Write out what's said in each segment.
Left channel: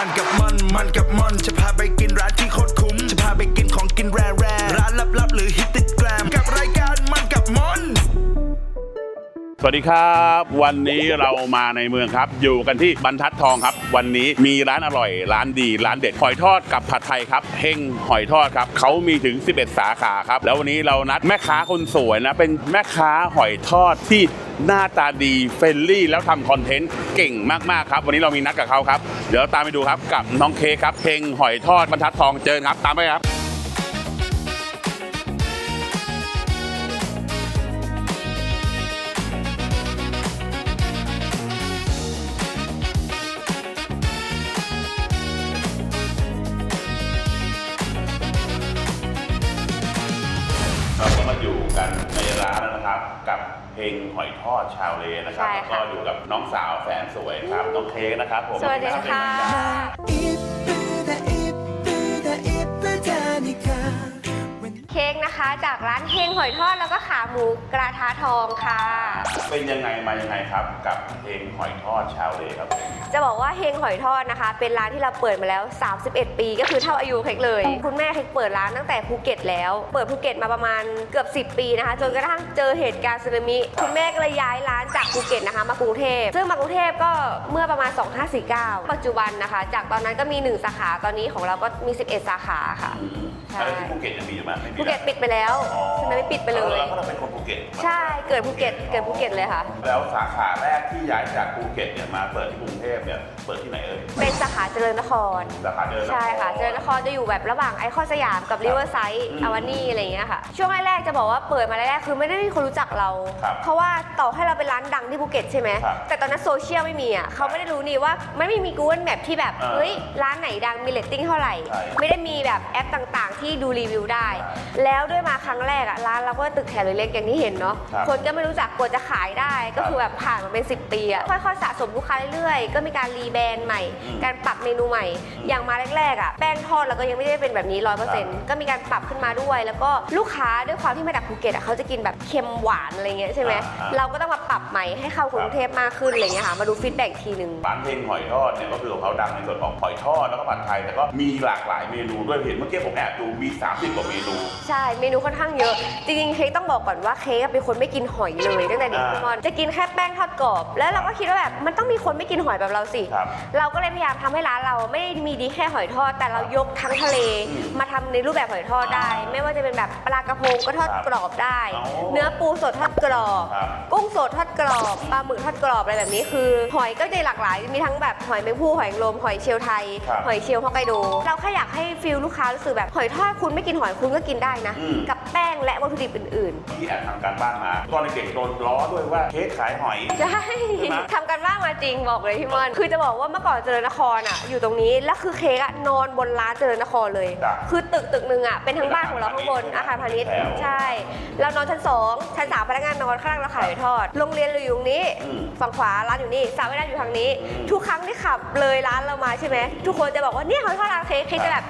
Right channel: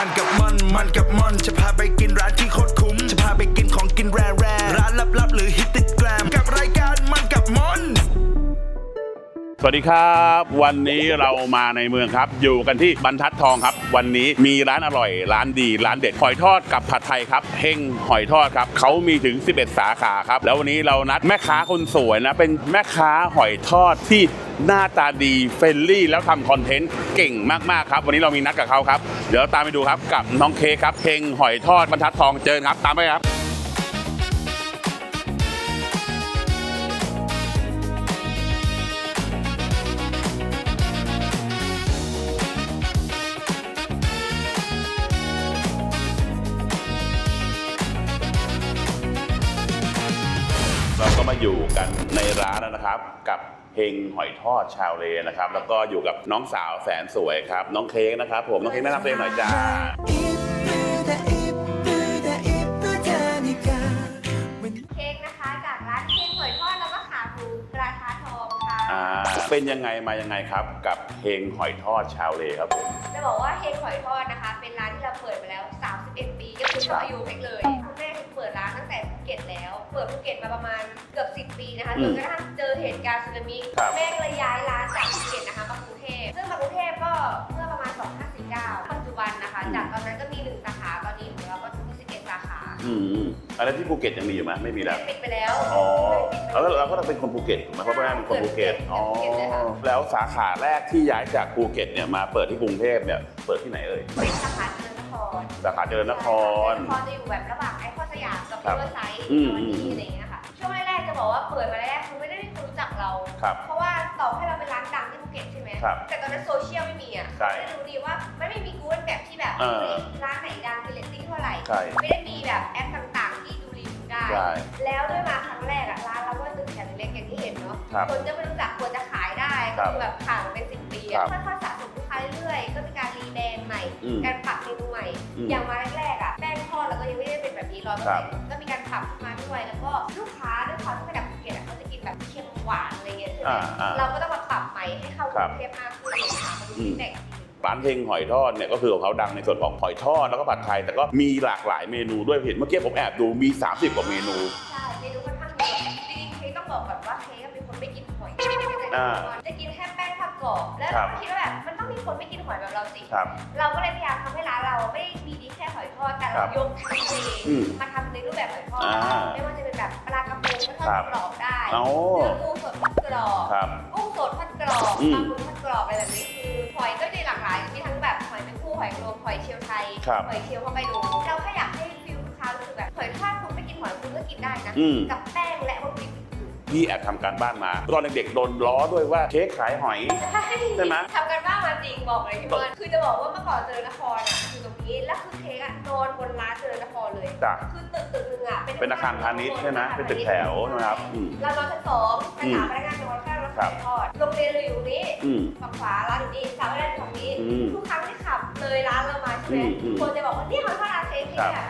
มันกับมัน มันกับมัน จะพาไปกินร้านที่โคตรคุ้ม จะพาไปกินของกินแร่แร่ร้านลับๆหรือฮิต สวัสดีครับ วันนี้เรามาในเมืองครับ อยู่กันที่บรรทัดทองครับ วันนี้มีร้านอร่อย ร้านดีร้านเด็ดหอยทอดกับผัดไทยครับเฮงหอยทอดครับเขามีถึง 11 สาขาครับ แล้ววันนี้เรานัดแม่ค้าคนสวยนะ เป็นแม่ค้าหอยทอดที่หน้าตาดีเฟรนลี่ แล้วทำคอนเทนต์เก่งมากๆครับ วันนี้เรามีนัดกับเขาครับ เดี๋ยวตามไปดูครับกับน้องเคครับเฮงหอยทอดบรรทัดทองเจอครับตามไปครับ เพลงหอยทอดชาวเลนะครับ ใช่ค่ะ แล้วก็อยู่กับน้องสาวแสนสวยครับ น้องเค้กนะครับ ผม สวัสดี น้องเค้กแนะนำเพลงหน่อย ค่ะ จ้า 이쁘다 이쁘다 이쁘다니까 when เค้กนะคะจากร้านเฮงหอยทอด ด แล้วก็ขาหมูกระทะทองค่ะ อ่าเป็นยังไงมายังไงครับ กับเพลงหอยทอดชาวเลครับผมจะบอกว่าเฮงหอยทอดนะคะ เป็นร้านที่เราเปิดมาแล้ว 31 ปีก็คือเท่าอายุเค้กเลย คุณแม่เค้กเปิดร้านตั้งแต่ภูเก็ตแล้ว เปิดภูเก็ตมาประมาณเกือบ 10 ปีนะคะจนกระทั่งเจอเหตุการณ์สึนามิคุณแม่ก็เลยย้ายร้านจากภูเก็ตนะคะมากรุงเทพซึ่งมากรุงเทพก็เมื่อประมาณ 2549 ปัจจุบันนะคะ จากตอนนั้นก็มี 1 สาขาตอนนี้ของเราก็มี 11 สาขาค่ะ อืมใช่อะไรที่ภูเก็ตยังมีอยู่ไหมไม่มีภูแล้เก็วตปิดไปแล้วอ๋อสึนามิปิดไปเลย แล้วก็เราเป็นคนภูเก็ตใช่เกิดภูเก็ตเกิดภูเก็ตเลยค่ะอ๋อแล้วสาขาแรกที่ย้ายจากภูเก็ตเนี่ยมาเปิดที่กรุงเทพเนี่ยเปิดที่ไหนเอ่ยเป็นสาขาเจริญนครสาขาเดินนใช่ครค่ะเจริญนครจะอยู่แบบระหว่างไอคอนสยามกับริเวอร์ไซด์อืมอาวานี่อะไรอย่างเงี้ยค่ะช่วงแรกๆจะบอกว่าเปิดมาแรกๆคือไม่ได้มีคนรู้จักเราครับเพราะว่าต่อให้เราเป็นร้านดังที่ภูเก็ตใช่ไหมครับแต่ตอนนั้นโซเชียลไม่มีอะเขาไม่ได้รู้นี่ว่าไม่ได้มี Google Map ที่แบบเออเฮ้ยร้านไหนดังมีเลตติ้งเท่าไหร่ใช่ไม่ได้มีแบบแอปต่างๆ ที่ดูรีวิวได้ใช่แล้วด้วยมาครั้งแรกอะร้านเราก็ตึกแถวเล็กๆอย่างที่เห็นเนาะครับคนก็ไม่รู้จักกว่าจะขายได้ก็คือแบบผ่านมาเป็น 10 ปีอะครับค่อยๆสะสมลูกค้าเรื่อยๆก็มีการรีแบรนด์ใหม่ อืมการปรับเมนูใหม่ อืมอย่างมาแรกๆอะแป้งทอดเราก็ยังไม่ได้เป็นแบบนี้ร้อยเปอร์เซ็นต์ก็มีการปรับขึ้นมาด้วย แล้วก็ลูกค้าด้วยความที่มาจากภูเก็ตอะเขาจะกินแบบเค็มหวานอะไรเงี้ยใช่ไหมอ่าอ่า เราก็ต้องมาปรับ ใหม่ให้เข้ากรุงเทพมากขึ้นอะไรเงี้ยค่ะมาดูฟีดแบ็กทีหนึ่งร้านเพลงหอยทอดเนี่ยก็คือของเขาดังในส่วนของหอยทอดแล้วก็ผัดไทยแต่ก็มีหลากหลายเมนูด้วยเห็นเมื่อกี้ผมแอบดูมี 30กว่าเมนู ใช่ เมนูค่อนข้างเยอะ จริงๆ เค้กต้องบอกก่อนว่าเค้กเป็นคนไม่กินหอยเลยตั้งแต่เด็กอ่าทุกคนจะกินแค่แป้งทอดกรอบ แล้วเราก็คิดว่าแบบมันต้องมีคนไม่กินหอยแบบเราสิ ครับเราก็เลยพยายามทำให้ร้านเราไม่ได้มีดีแค่หอยทอด แต่เราครับยกทั้งทะเลอืมมาทำในรูปแบบหอยทอดได้ อ่าไม่ว่าจะเป็นแบบปลากระพงก็ทอดครับกรอบได้เอาเนื้อปูสดทอดกรอบ ครับ กุ้งสดทอดกรอบอืมปลาหมึกทอดกรอบอะไรแบบนี้คือหอยก็จะหลากหลายมีทั้งแบบหอยแมงผู้หอยนางรมหอยเชลล์ไทย ครับหอยเชลล์ฮอกไกโดเราแค่อยากให้ฟิลลูกค้ารู้สึกแบบหอยทอดคุณไม่กินหอยคุณก็กินได้นะ อืม กับแป้งและวัตถุดิบอื่นพี่แอบทำการบ้านมาตอนเด็กๆโดนล้อด้วยว่าเค้กขายหอย ๆใช่ใช่ไหม ทำกันบ้างมาจริงบอกเลยพี่มอนคือจะบอกว่าเมื่อก่อนเจริญนครอะอยู่ตรงนี้แล้วคือเค้กอะนอนบนร้านเจริญนครเลย จ้ะคือตึกตึกหนึ่งอะเป็นทั้งบ้านของเราทุกคนเป็นอาอาคาคารรพาพาณิณิชชย์ย์แถวใช่อืมเรานอนชั้นสองชั้นสามอืมพนักงานนอนข้างเราขายหอยทอดโรงเรียนเราอยู่ตรงนี้ อืมฝั่งขวาร้านอยู่นี่สาวไม่ได้อยู่ทางนี้ อืมทุกครั้งที่ขับเลยร้านเรามาใช่ไหมอืมทุกคนจะบอกว่าเนี่ยหอยทอดร้านเค้กเค้กครับจะแบบ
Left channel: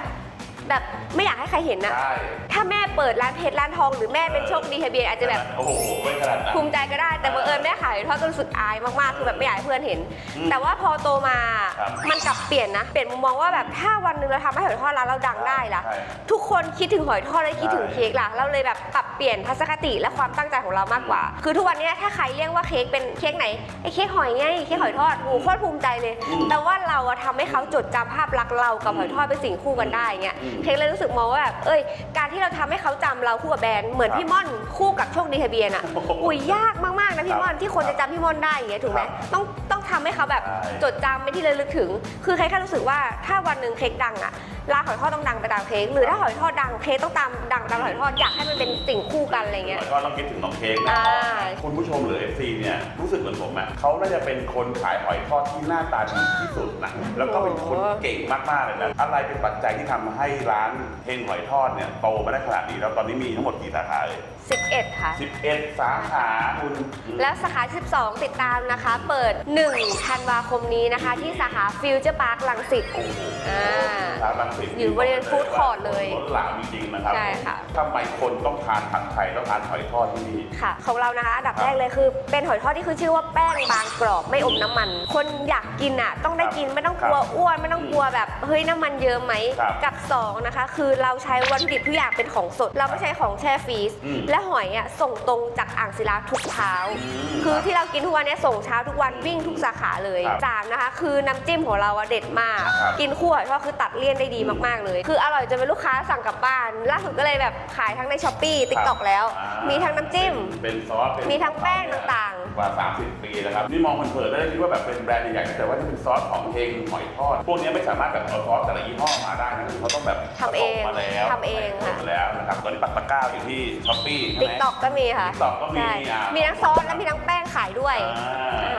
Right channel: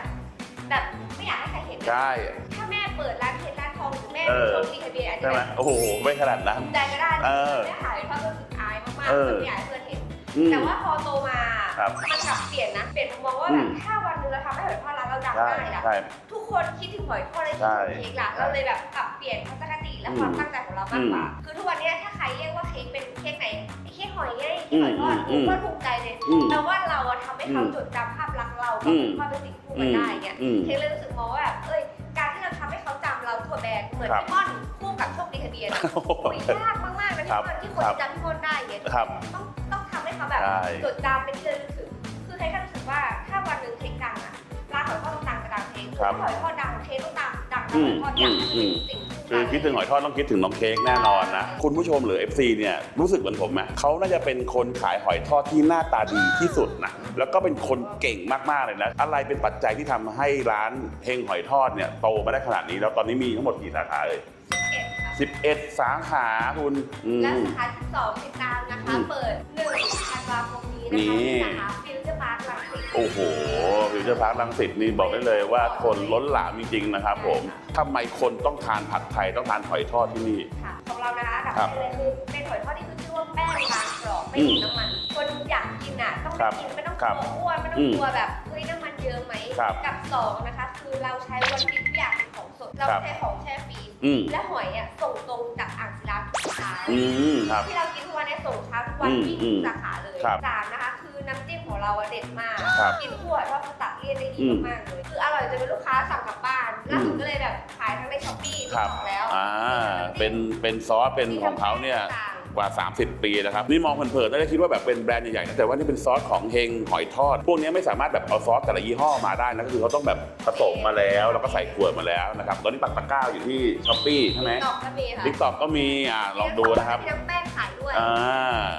แบบไม่อยากให้ใครเห็นนะได้ถ้าแม่เปิดร้านเพชรร้านทองหรือแม่เป็นเออโชคดีทะเบียนอาจจะแบบใช่ไหมโอ้โห ไม่ขนาดนั้น ภูมิใจก็ได้แต่เออบังเอิญแม่ขายทอดก็รู้สึกอายมากเออๆแบบไม่อยากให้เพื่อนเห็น อืมแต่ว่าพอโตมา ครับมันกลับเปลี่ยนนะ เปลี่ยนมุมมองว่าแบบอืม ถ้าวันหนึ่งเราทำให้หอยทอดร้านเราดังได้ล่ะ ใช่ ทุกคนคิดถึงหอยทอดและคิดถึงใช่เค้กล่ะเราเลยแบบปรับเปลี่ยนทัศนคติและความอืมตั้งใจของเรามากกว่าอืมคือทุกวันนี้ถ้าใครเรียกว่าเค้กเป็นเค้กไหนไอ้เค้กหอยไงเค้กหอยทอดอืมโอ้โหโคตรภูมิใจเลย อืมแต่ว่าเราอะทำให้เขาอืมจดจำภาพลักษณ์เรากับอืมหอยทอดเป็นสิ่งคู่กันได้เงี้ย อืมเค้กเลยรู้สึกมองว่าแบบเอ้ย การที่เราทำให้เขาจำเราคู่กับแบรนด์เหมือนครับพี่ม่อนคู่กับโชคดีทะเบียนอะโอ้โหอุ้ยยากมากๆนะพี่ม่อนที่คนครัจะบจำพี่ม่อนได้อย่างเงี้ยถูกไหมครับต้องต้องทำให้เขาแบบ ใช่ จดจำเป็นที่ระลึกถึง คือเค้กแค่รู้สึกว่าถ้าวันหนึ่งเค้กดังอะร้านหอยทอดต้องดังไปตามเค้กหรือถ้าหอยทอดดังเค้กต้องตามดังตามหอยทอดอยากให้มันเป็นสิ่งคู่กันอะไรคิดถึงเงี้หอย ยทอดต้องคิดถึงน้องเค้กแน่นอนนะใช่คุณผู้ชมหรือ FC เนี่ยรู้สึกเหมือนผมไหมเขาน่าจะเป็นคนขายหอยทอดที่หน้าตาดีที่สุดนะแล้วก็เป็นคนเก่งมากๆเลยนะอะไรเป็นปัจจัยที่ทำให้ร้านเฮงหอยทอดเนี่ยโตมาได้ขนาดนี้แล้วตอนนี้มีทั้งหมดกี่สาขาเลย11 ค่ะ 11 สาขาคุณอืม แล้วสาขา 12 ติดตามนะคะ อืม เปิด1ธันวาคมนี้นะคะนี่ที่สาขาฟิวเจอร์พาร์คลังสิต โอ้โหอ่าพิจเดอร์พาร์คลังสิตอยู่นี่บอกได้เลยว่าบริเวณคน food court เลยล้นหลามจริงๆนะครับใช่ผมค่ะ ทำไมคนต้องทานผัดไทยต้องทานหอยทอดที่นี่ ค่ะ ของเรานะคะอันดับครับแรกเลยคือ เป็นหอยทอดที่คือชื่อว่าแป้งบางกรอบไม่อมน้ำมัน คนอยากกินอะต้องได้ครับกินไม่ต้องกลัวครับอ้วนไม่ต้องอืมกลัวแบบเฮ้ยน้ำมันเยอะไหมครับ กับสองนะคะ คือเราใช้วัตถุดิบทุกอย่างเป็นของสด เราครัไม่บใช้ของแช่ฟรีซอืมและหอยอะส่งตรงจากอ่างศิลาทุกเช้าอืมคืคอรับที่เรากินทุกวันเนี้ยส่งเช้าทุกวันอืมวิ่งทุกสาขาเลยครับสามนะคะ คือน้ำจิ้มของเราอะเด็ดมาก ครับกินคู่หอยทอดคือตัดเลี่ยนได้ดีอืมมากๆเลย คืออร่อยจนเป็นลูกค้าสั่งกลับบ้านล่าสุดก็เลยแบบขายทั้งในช้อปปี้ติ๊กต็อกแล้วอ่ามีทั้งน้ำจิ้ม เป็นเป็นซอส เป็นมีทั้งของเขาเนี่ยแป้งต่างกว่า 30 ปีนะครับ นี่มองเผินๆได้คิดว่าแบบเป็นแบรนด์ใหญ่ๆแต่ว่านี่เป็นซอสของเฮงหอยทอด พวกนี้ไม่สามารถแบบเอาซอสแต่ละยี่ห้อมาได้นะคือเขาต้องแบบผทำสเอมงมาแล้วทำแล้วก็ใส่เองขวดมาแล้วนะครับตอนนี้ปักตะกร้าอยู่ที่ช้อปปี้ใช่ติ๊ไหกมต็อกก็มีค่ะ TikTok ก็มีใช่อะมีทั้งลองซดูอสนะครับและมีทั้งแป้งขายด้วยอ่า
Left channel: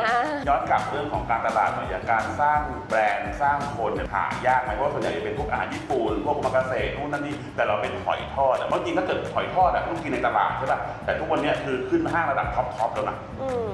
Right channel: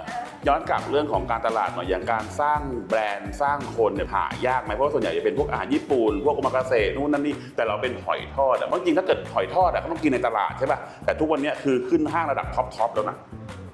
อ่าย้อนกลับเรื่องของการตลาดหน่อยอย่างการสร้างแบรนด์สร้างคนเนี่ยหายากไหมเพราะส่วนใหญ่จะเป็นพวกอาหารญี่ปุ่นพวกโอมากาเสะนู่นนั่นนี่แต่เราเป็นหอยทอดอะเพราะจริงๆถ้าเกิดหอยทอดอะมันต้องกินในตลาดใช่ป่ะแต่ทุกวันเนี้ยคือขึ้นห้างระดับท็อปทอปแล้วนะ อืม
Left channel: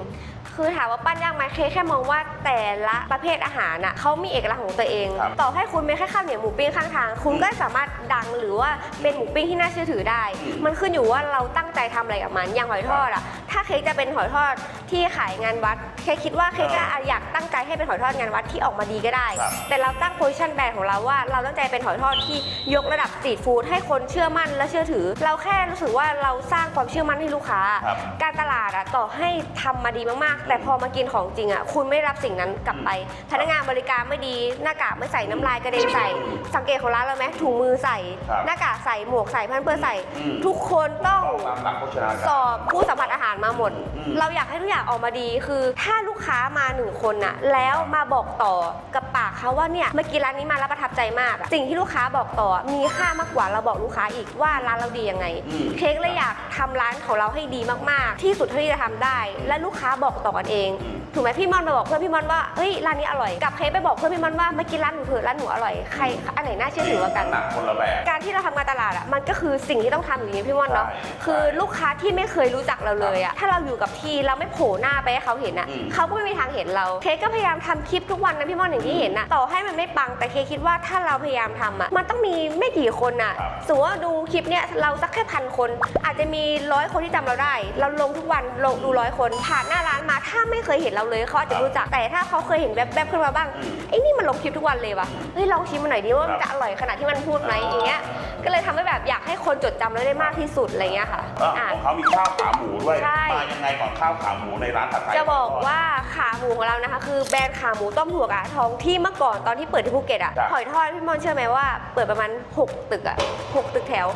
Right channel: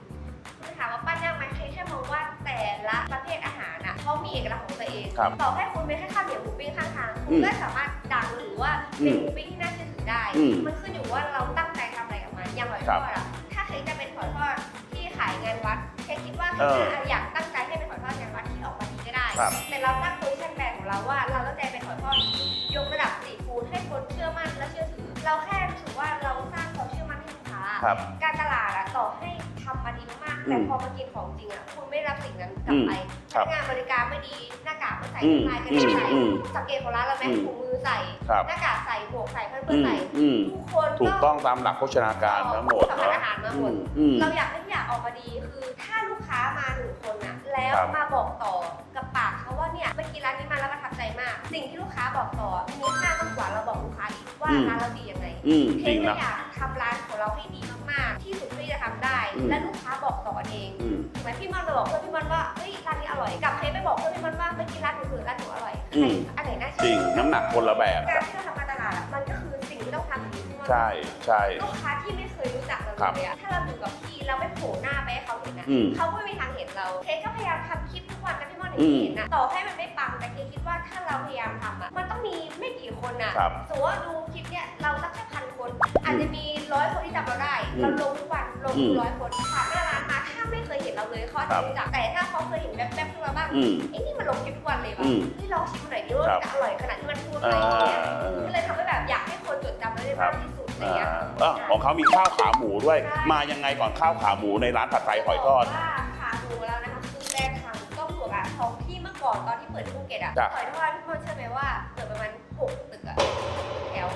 คือถามว่าปั้นยากไหมเคแค่มองว่าแต่ละประเภทอาหารน่ะเขามีเอกลักษณ์ของตัวเองครับต่อให้คุณไม่แค่ข้าวเหนียวหมูปิ้งข้างทาง คุณอืมก็สามารถดังหรือว่าเป็นอืมหมูปิ้งที่น่าเชื่อถือได้ อืมมันขึ้นอยู่ว่าเราตั้งใจทำอะไรกับมันอย่างหอยทอดอะถ้าเค้กจะเป็นหอยทอดที่ขายงานวัดเค้กคิดว่าเค้กเออจะอยากตั้งใจให้เป็นหอยทอดงานวัดที่ออกมาดีก็ได้ ครับ แต่เราตั้งโพซิชันแบรนด์ของเราว่าเราตั้งใจเป็นหอยทอดที่ยกระดับสตรีทฟู้ดให้คนเชื่อมั่นและเชื่อถือ เราแค่รู้สึกว่าเราสร้างความเชื่อมั่นให้ลูกค้า ครับ การตลาดอะต่อให้ทำมาดีมากๆแต่อืมพอมากินของจริงอะคุณไม่รับสิ่งนั้นกลับไปอืมพนักงานบริการไม่ดีหน้ากากไม่ใส่อืมน้ำลายกระเด็นใส่ อืมสังเกตของร้านเราไหมอืมถุงมือใส่ ครับหน้ากากใส่หมวกใส่พันเพื่อใส่ อืม ทุกคนถูกต้อง ต้องตามหลักโภชนาสการอบทั้งหมดผู้สัมผัสอาหารมาหมด อืมเราอยากให้ทุกอย่างออกมาดีคือ ถ้าลูกค้ามาหนึ่งคนน่ะ แล้วครับมาบอกต่อกับปากเขาว่าเนี่ยเมื่อกี้ร้านนี้มาแล้วประทับใจมากอะสิ่งที่ลูกค้าบอกต่อมีค่ามากกว่าเราบอกลูกค้าอีกว่าอืมร้านเราดียังไง อืมเค้กเลยดีนะอยากทำร้านของเราให้ดีมากๆ ที่สุดเท่าที่จะทำได้ อืม และลูกค้าบอกต่อกันเอง อืม ถูกไหมพี่มอนมาบอกเพื่อนพี่มอนว่าเฮ้ยร้านนี้อร่อยกับเค้กไปบอกเพื่อนพี่มอนว่าเมื่อกี้ร้านหนูเถอะร้านหนูอร่อยใครอันไหนน่าเชื่อจริถืงอกว่ากันน้ำหนักคนละแบบ การที่เราทำงานตลาดอะมันก็คือสิ่งที่ต้องทำอยู่ดีพี่มอนเนาะใช่คือใช่ลูกค้าที่ไม่เคยรู้จักเราเลยอะถ้าเราอยู่กับที่เราไม่โผล่หน้าไปให้เขาเห็นอะอืมเขาก็ไม่มีทางเห็นเราเค้กก็พยายามทำคลิปทุกวันนะพี่มอนอย่างที่อืมเห็นอะต่อให้มันไม่ปังแต่เค้กคิดว่าถ้าเราพยายามทำอะมันต้องมีไม่กี่คนอะครับสมมติว่าดูคลิปเนี้ยเราสักแค่พันคน อาจจะมีร้อยคนที่จำเราได้ เราลงทุกวันลงดูอืม ร้อยคนผ่านหน้าร้านมาถ้าไม่เคยเห็นเราเลยเขาอาจครัจะบรู้จักแต่ถ้าเขาเคยเห็นแวบๆขึ้นมาบ้างอืมไอ้นี่มันลงคลิปทุกวันเลยว่ะอืมเฮ้ยลองชิมมันหน่อยดิว่ามันจะอร่อยขนาดที่มันพูดไหมอย่างเงี้ยก็เลยทำให้แบบอยากให้คนจดจำเราได้มากที่สุดอะไรเงี้ยค่ะเอ้าอะ ของเขามีข้าวขาหมูด้วย ใช่ มายังไงก่อนข้าวขาหมูในร้านผัดไทยจะหบอยอกทอด ว่าขาหมูของเรานะคะคือแบรนด์ขาหมูต้มถั่วกระทองที่เมื่อก่อนตอนที่เปิดที่ภูเก็ตอะครับ หอยทอดพี่มอนเชื่อไหมว่าเปิดประมาณ 6 ตึกอะ6 ตึกแถว